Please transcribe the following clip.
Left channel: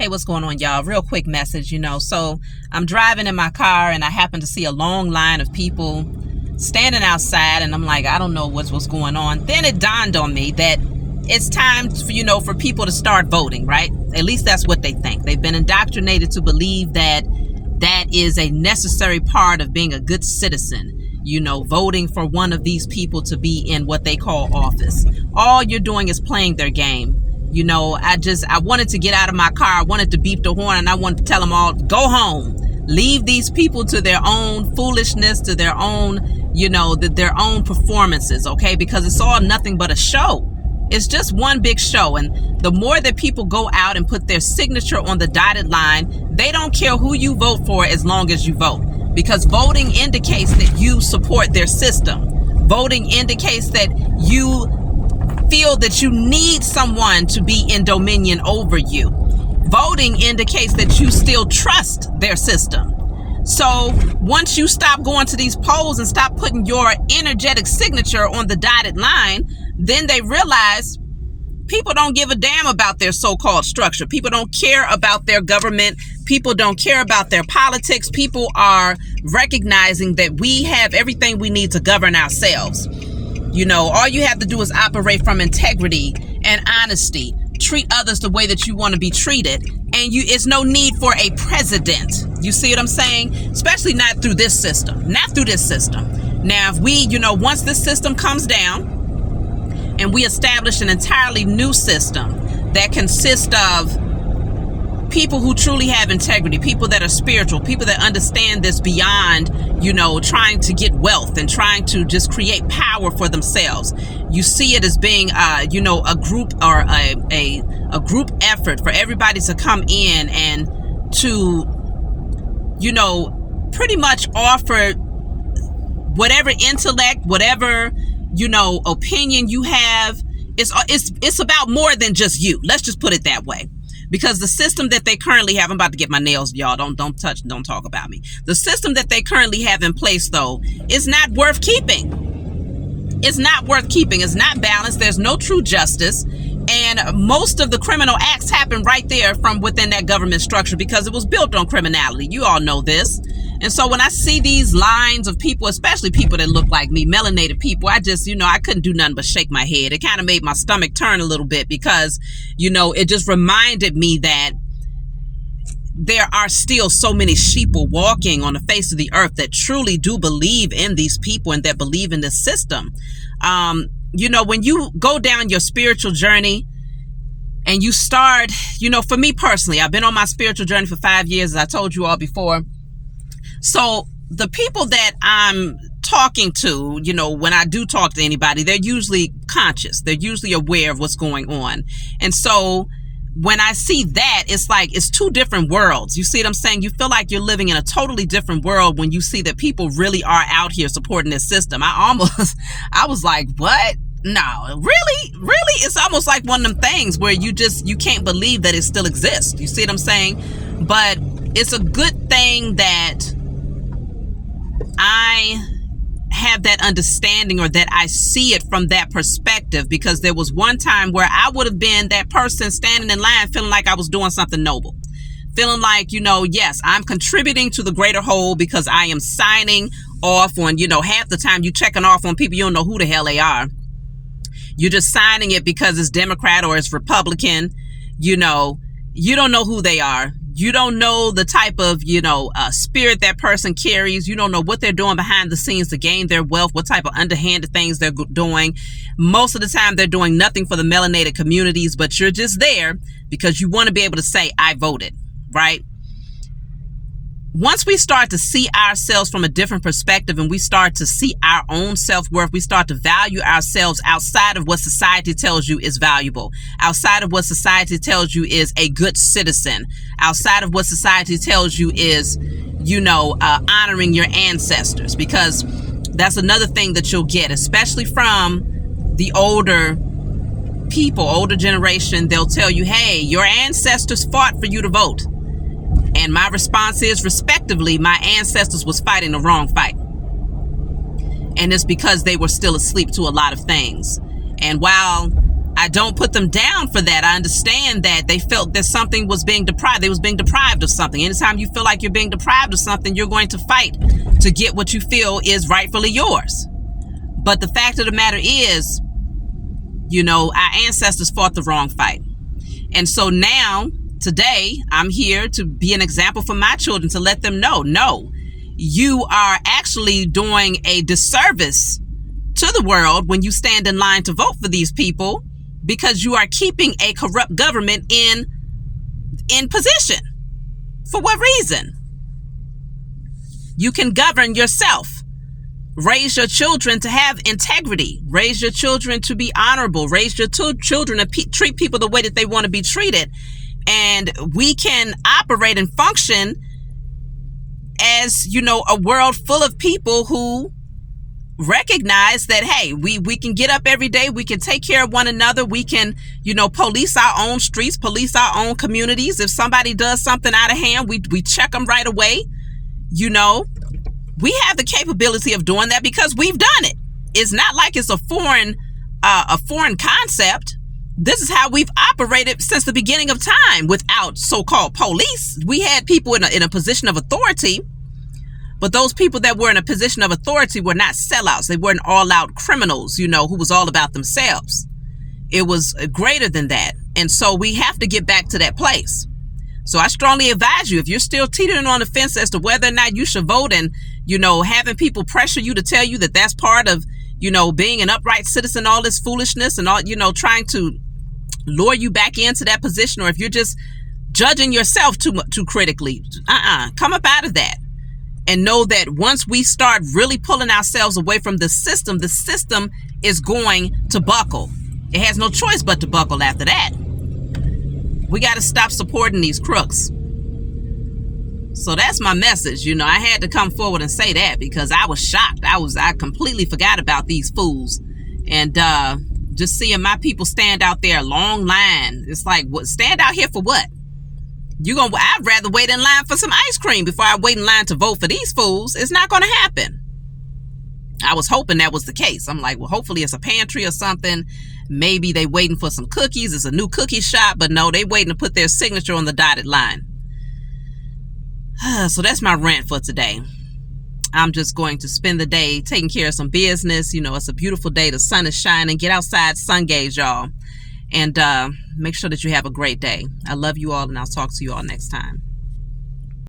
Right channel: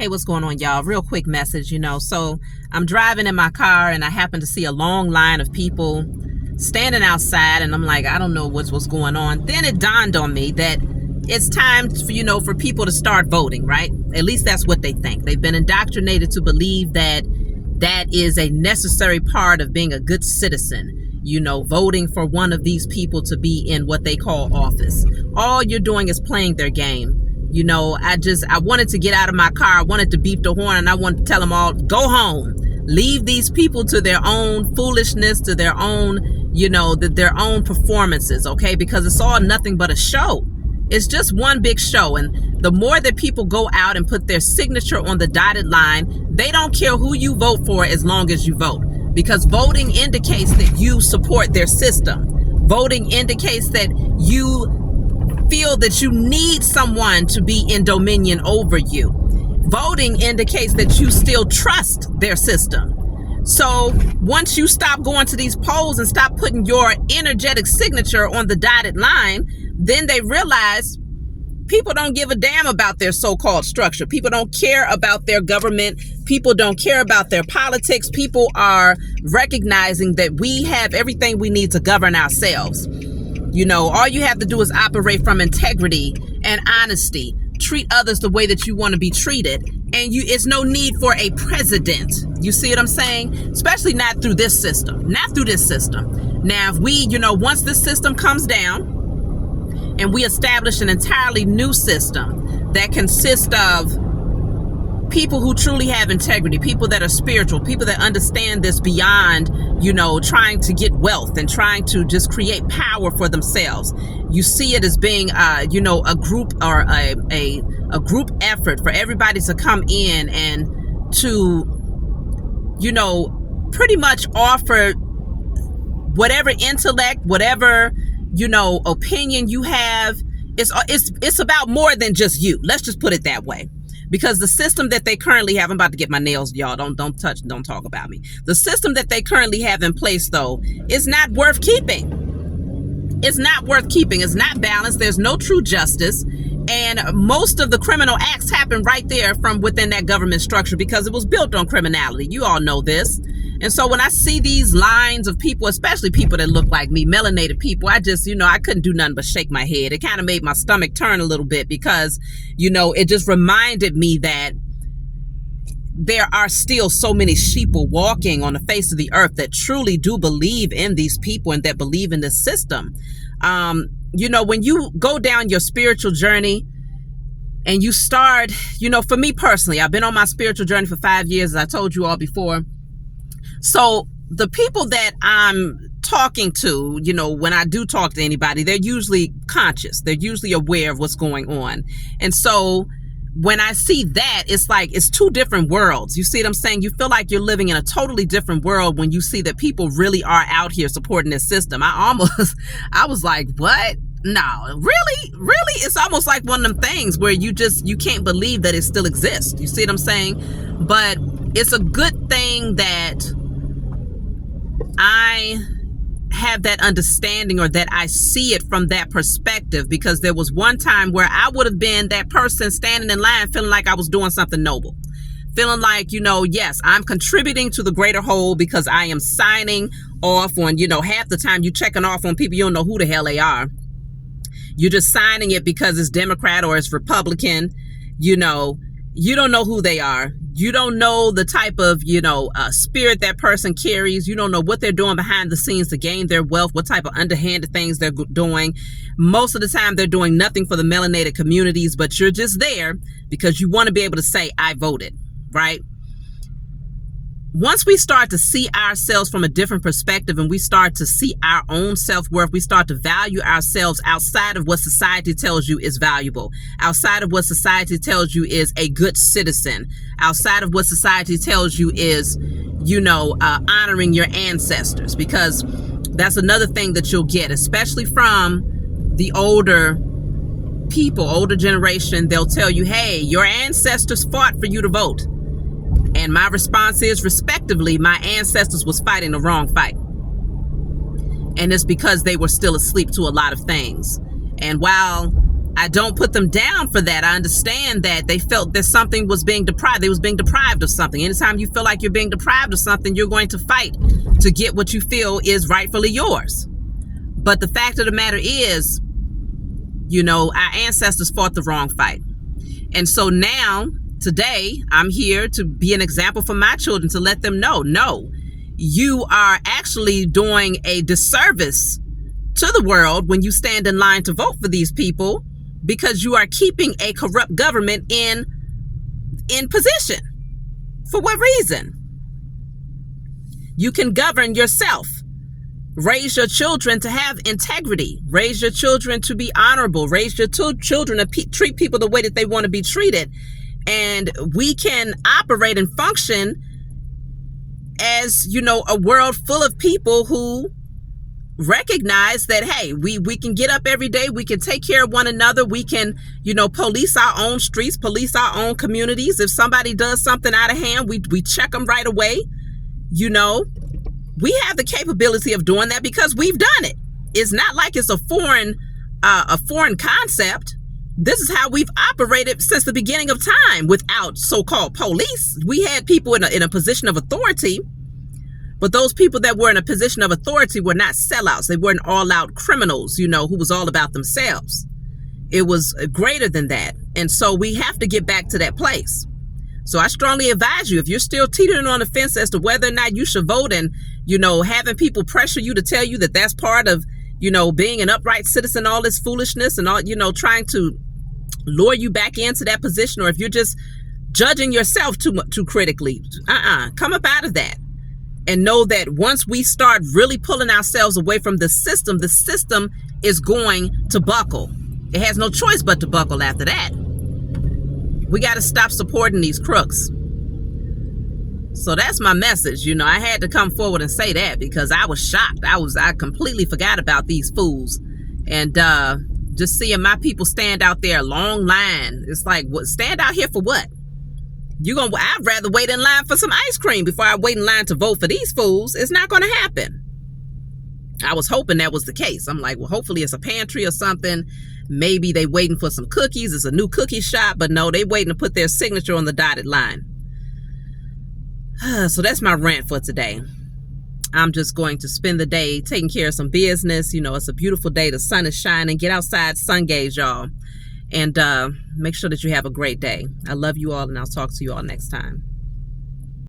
Hey, what's going on, y'all? Real quick message, So I'm driving in my car and I happen to see a long line of people standing outside, and I'm like, I don't know what's going on. Then it dawned on me that it's time for people to start voting, right? At least that's what they think. They've been indoctrinated to believe that that is a necessary part of being a good citizen. Voting for one of these people to be in what they call office. All you're doing is playing their game. I wanted to get out of my car. I wanted to beep the horn, and I wanted to tell them all, go home. Leave these people to their own foolishness, to their own, their own performances, okay? Because it's all nothing but a show. It's just one big show. And the more that people go out and put their signature on the dotted line, they don't care who you vote for as long as you vote. Because voting indicates that you support their system. Voting indicates that you feel that you need someone to be in dominion over you. Voting indicates that you still trust their system. So once you stop going to these polls and stop putting your energetic signature on the dotted line, then they realize people don't give a damn about their so-called structure. People don't care about their government. People don't care about their politics. People are recognizing that we have everything we need to govern ourselves. All you have to do is operate from integrity and honesty. Treat others the way that you want to be treated. And it's no need for a president. You see what I'm saying? Especially not through this system. Not through this system. Now, if we, once this system comes down and we establish an entirely new system that consists of people who truly have integrity, people that are spiritual, people that understand this beyond, trying to get wealth and trying to just create power for themselves. You see it as being, a group or a group effort for everybody to come in and to, pretty much offer whatever intellect, whatever, opinion you have. It's about more than just you. Let's just put it that way. Because the system that they currently have, I'm about to get my nails, y'all. Don't talk about me. The system that they currently have in place, though, is not worth keeping. It's not worth keeping. It's not balanced. There's no true justice. And most of the criminal acts happen right there from within that government structure because it was built on criminality. You all know this. And so when I see these lines of people, especially people that look like me, melanated people, I just, I couldn't do nothing but shake my head. It kind of made my stomach turn a little bit because, it just reminded me that there are still so many sheeple walking on the face of the earth that truly do believe in these people and that believe in this system. When you go down your spiritual journey and you start, for me personally, I've been on my spiritual journey for 5 years, as I told you all before. So the people that I'm talking to, when I do talk to anybody, they're usually conscious. They're usually aware of what's going on. And so when I see that, it's like it's two different worlds. You see what I'm saying? You feel like you're living in a totally different world when you see that people really are out here supporting this system. I was like, what? No, really? It's almost like one of them things where you can't believe that it still exists. You see what I'm saying? But it's a good thing that I have that understanding or that I see it from that perspective, because there was one time where I would have been that person standing in line feeling like I was doing something noble. Feeling like, yes, I'm contributing to the greater whole because I am signing off on, half the time you checking off on people, you don't know who the hell they are. You're just signing it because it's Democrat or it's Republican. You don't know who they are. You don't know the type of, spirit that person carries. You don't know what they're doing behind the scenes to gain their wealth, what type of underhanded things they're doing. Most of the time, they're doing nothing for the melanated communities, but you're just there because you want to be able to say, I voted, right? Once we start to see ourselves from a different perspective and we start to see our own self-worth, we start to value ourselves outside of what society tells you is valuable, outside of what society tells you is a good citizen, outside of what society tells you is, honoring your ancestors, because that's another thing that you'll get, especially from the older people, older generation. They'll tell you, hey, your ancestors fought for you to vote. And my response is, respectively, my ancestors was fighting the wrong fight. And it's because they were still asleep to a lot of things. And while I don't put them down for that. I understand that they felt that something was being deprived. They was being deprived of something. Anytime you feel like you're being deprived of something, you're going to fight to get what you feel is rightfully yours. But the fact of the matter is, you know, our ancestors fought the wrong fight. And so now, today, I'm here to be an example for my children, to let them know, no, you are actually doing a disservice to the world when you stand in line to vote for these people, because you are keeping a corrupt government in position. For what reason? You can govern yourself. Raise your children to have integrity. Raise your children to be honorable. Raise your children to treat people the way that they want to be treated. And we can operate and function as, you know, a world full of people who recognize that, hey, we can get up every day. We can take care of one another. We can, you know, police our own streets, police our own communities. If somebody does something out of hand, we check them right away. You know, we have the capability of doing that because we've done it. It's not like it's a foreign concept. This is how we've operated since the beginning of time without so-called police. We had people in a position of authority, but those people that were in a position of authority were not sellouts. They weren't all-out criminals, you know, who was all about themselves. It was greater than that. And so we have to get back to that place. So I strongly advise you, if you're still teetering on the fence as to whether or not you should vote, and, you know, having people pressure you to tell you that that's part of, you know, being an upright citizen, all this foolishness and all, you know, trying to lure you back into that position, or if you're just judging yourself too critically, come up out of that. And know that once we start really pulling ourselves away from the system is going to buckle. It has no choice but to buckle after that. We got to stop supporting these crooks. So that's my message. You know, I had to come forward and say that because I was shocked. I completely forgot about these fools. And just seeing my people stand out there, long line. It's like, what? Stand out here for what? I'd rather wait in line for some ice cream before I wait in line to vote for these fools. It's not going to happen. I was hoping that was the case. I'm like, well, hopefully it's a pantry or something. Maybe they waiting for some cookies. It's a new cookie shop, but no, they waiting to put their signature on the dotted line. So that's my rant for today. I'm just going to spend the day taking care of some business. You know, it's a beautiful day. The sun is shining. Get outside, sun gaze, y'all. And make sure that you have a great day. I love you all, and I'll talk to you all next time.